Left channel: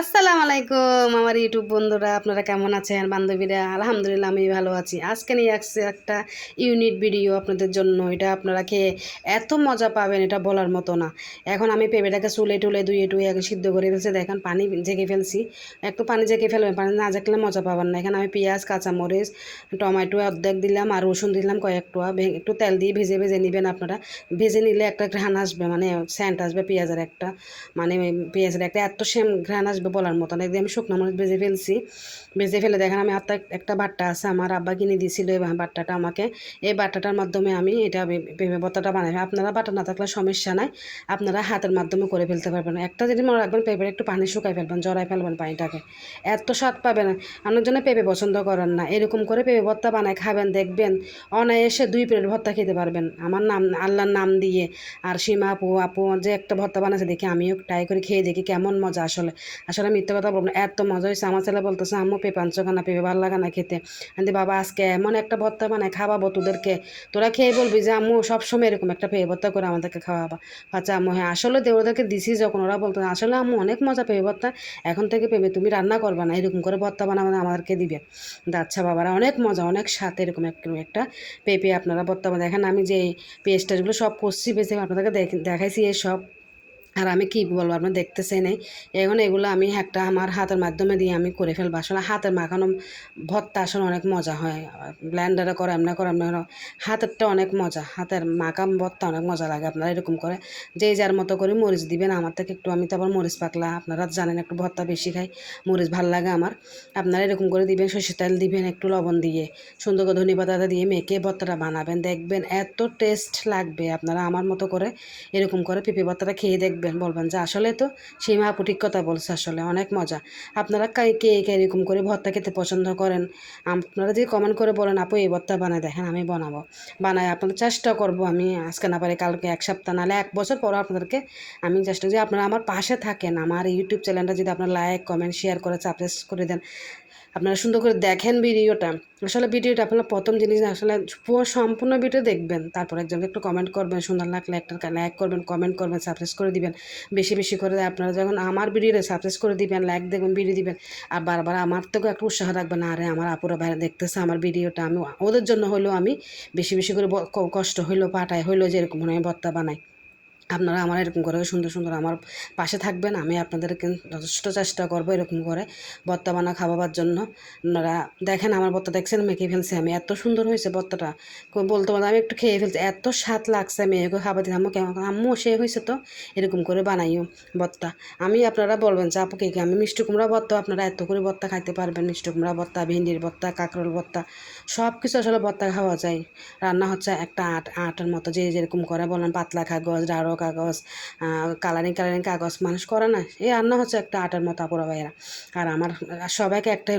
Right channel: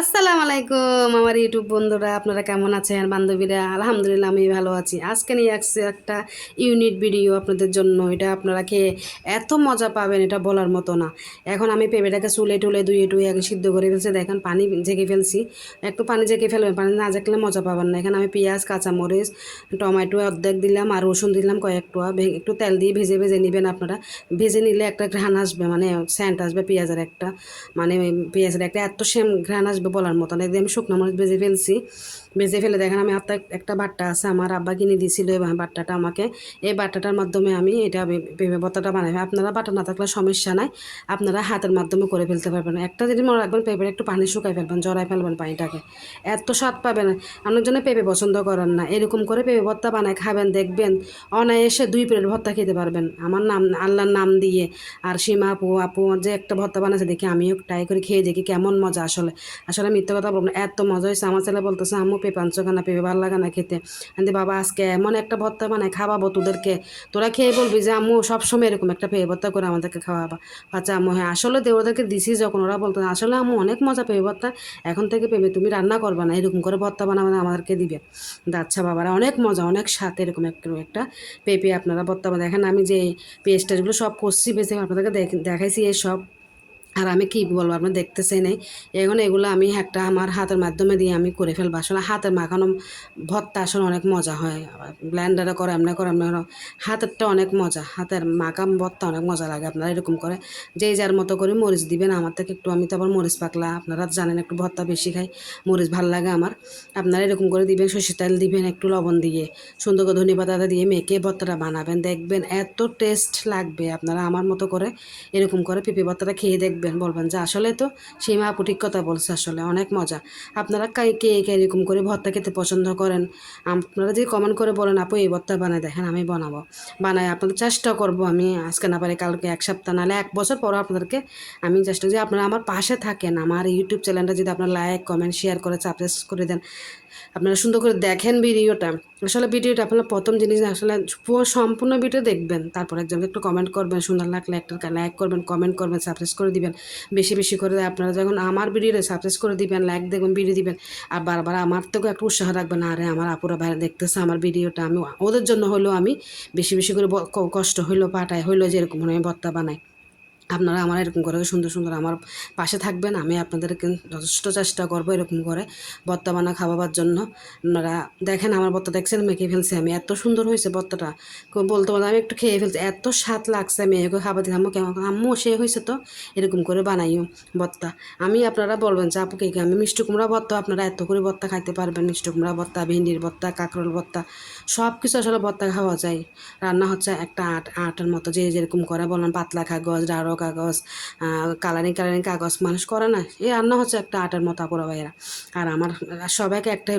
আসসালামু আলাইকুম আমার ইউটিউব বন্ধুরা, আপনারা কেমন আছেন? বান্ধবীরা, আলহামদুলিল্লাহ আমি ভালো আছি। আজকে নিয়ে আসছি একটা ইউনিক ভিডিও আপনাদের জন্য। এটা আপনারা খেয়ে এত মজা পাবেন, এটা বলার মতো না। এখন আমি পেঁপেটাকে চুলে টুলে ধুয়ে টুয়ে আগে সিদ্ধ করে ফেলছি। দেখেন পানি জেগে ফেলছি। একটু পানি জেগে ফেলবেন, পানি না জেগলে মজা পাবেন না। এখানে আমি পেঁয়াজ, কাঁচামরিচ, টমেটো অর্ধেক দিলাম আর রসুন দিলাম কয়েকটা। একটু তেল দিয়ে ভেজে ভেজে নেবেন আপনারা। ভেজে নিলে একটা ঘ্রাণ আসবে, মানে স্যান্ট আসবে পেঁয়াজের একটা, মানে পেঁয়াজের একটা এত সেম ঘ্রাণ আসবে বলার মতো না। একদম শুকনো মরিচ ভেজে ফেলছি। ভেজে ফেলে দেখেন আমি হাতে একটা বাট্টা আছে, আমার আব্বা কিনে দিয়েছিল এই বাট্টাটা আমাকে। এই বাট্টাটার মাধ্যমে আমি এটা পেঁপে ভর্তাটা বানাই। আপনারা বাটা না থাকলে সমস্যা নাই, আপনারা হাতের মাধ্যমে করে ফেলতে পারবেন। একটা যদি মনে রাখবেন, পেঁপের একটু পানি শুকাই ফেলবেন, জড়াই ফেলবেন পানিটাকে, এত স্বাদ পাবেন। আপনার জন্য পেঁপে পছন্দ করেন না, এরকম করে পেঁপে ভর্তা বানায় খাবেন, দেখবেন অনায়াসে 2 প্লেট ভর্তা খেতে পারবেন আমার নাম, আল্লাহর নাম দিয়ে। আর সীমা আপু আপু যে একটা ভর্তা বানাচ্ছে দেখি, আমিও ট্রাই করে খেয়ে দেখি কেমন মজা। আসলে আসলে মিথ্যে কথা বলবো না, এত মজা হয়েছে। আমার ছেলে বলতেছে আম্মু পেঁপে আনছো কেন, পেঁপে ভালো লাগে না খেতে। কিন্তু বাবা আজকে এমন একটা ভর্তা বানায় খাওয়াবো তোদেরকে, তোরা খেয়ে বলবি যে আম্মু সবসময় এরকম একটা পেঁপে ভর্তা করে আমাদেরকে খাওয়াবা। আচ্ছা আম্মু, হ্যাঁ আসলে ওদেরকে দিছি যখন, ওরা বলতো আসলে আম্মু অনেক মজা পেঁপে ভর্তা, এখন থেকে পেঁপে তুমি রান্না করবা না, এরকম করে ভর্তা বানাবে আমাদেরকে দিবে। আচ্ছা বাবারা, অনেক মজা অনেক স্বাদ এরকম একটা পেঁপে আপনারা ভর্তা দেখেন। আমি যে পেস্ট টেস্টগুলো সব করছি, বেশি আপনাদেরকে দেখাইছি এই সব। আর আমি কি বলবো, আপনার দেখতেছে নেই। এখন এগুলো আমি একটা আমার হাতের মাধ্যমে দিয়ে আমি করে ফেলবো। আসলে হাতের মাখানো ভর্তা আসলে অনেক মজা হয়। ব্লেন্ডারে করে এমনি করে এমনি হাতেরটা অনেক মজা, হাতের মাখা ভর্তা অনেক মজা লাগে। আপনারা এরকম করে যে যার মতো করে মরিচ দিবেন। আমার থেকে একটু, আমি তো আবার মরিচ পাকলা, আপনারা জানেন একটু ভর্তা বেশি খাই, মরিচ ভাল লাগে আমার। আপনারা এরকম করে দিবেন, সরষের তেল দিবেন, একটু লবণ দিয়ে সুন্দর করে ধনেপাতা দিয়ে মেখে ভর্তাটা বানাবেন, দেখবেন এত টেস্ট লাগবে। আপনারা আমার মতো করে এরকম করে পেঁপে ভর্তাটা খেয়ে দেখবেন, বলবেন যে আসলে তো সীমা আপু ঠিক কথা বলছে, আসলে অনেক মজা। আপনারা কে কে এরকম করে ভর্তা খেতে পছন্দ করেন, আপনারা যদি কমেন্ট করে বলেন আপু এই ভর্তা বানায় দেখেন, আমি বানাবো, বানাই আপনাদের চেষ্টা করব। আমি আজকে না পারি কালকে, 1 সপ্তাহ নাহলে 1 বছর পর আপনাদেরকে আমি চেষ্টা যে আপনারা আমার পাশে থাকেন। আমার ইউটিউব চ্যানেলটা যদি আপনারা লাইক কমেন্ট শেয়ার করে সাবস্ক্রাইব করে দেন, আপনারা সুন্দর করে দেখেন ভিডিওটা। আসলে ভিডিওটা আপনারা প্রথম জিনিস আসলে পুরো সম্পূর্ণ ভিডিও দেখবেন, তারপর একজনকে একটু কমেন্ট করবেন, সুন্দর লাগলে একটা লাইক করবেন, কমেন্ট করবেন, সাবস্ক্রাইব করে দিবেন বেশি বেশি করে। আপনারা যখন আমার ভিডিওটা সাবস্ক্রাইব করে দিবেন, লাইক দেখবেন, ভিডিও দিবেন, আর বারবার আমার থেকেও একটা উৎসাহ রাখবেন, আরে আমার আপুরা ভাইরা দেখতেছে আমার ভিডিওটা, আমি ওদের জন্য হলেও আমি বেশি বেশি করে কষ্ট হইলো পাঠাই হইলো যে এরকম আমি ভর্তা বানাই। আপনারা আমার এরকম করে সুন্দর সুন্দর আমার পাশে থাকবেন, আমি আপনাদেরকে যথেষ্ট চেষ্টা করবো এরকম করে ভর্তা বানা খাওয়াবার জন্য। আপনারা দেখেন আমার ভর্তা দেখছেন মেখে ফেলছি আমি, এত সুন্দর হয়েছে ভর্তাটা, বলতে বলতে আমি একটু খেয়ে ফেলছি, এত স্বাদ লাগছে। মেয়েকে খাবার দিই, আম্মু কেমন, আম্মু সে হয়েছে তো, এরকম করে বানাইও ভর্তা। আমি আপনারা বলবেন যে আপু কে আমি মিষ্টি কুমড়া ভর্তা, আপনারা এত করে ভর্তা খাইতে পারবেন, মিষ্টি কুমড়া ভর্তা, ভেন্ডির ভর্তা, কাঁকরোল ভর্তা, সব কিছু আসলে ভর্তা খাওয়া যায়। রান্না হচ্ছে একটা আটের মতো, যে যেরকম করে বললাম, পাতলা কাগজ, গাঢ় কাগজ, কালারিং কালারিং কাগজ মানুষ করে না, এই রান্না হচ্ছে একটা আটের মতো আপুরা ভাইয়েরা। আর আমার সবাইকে একটা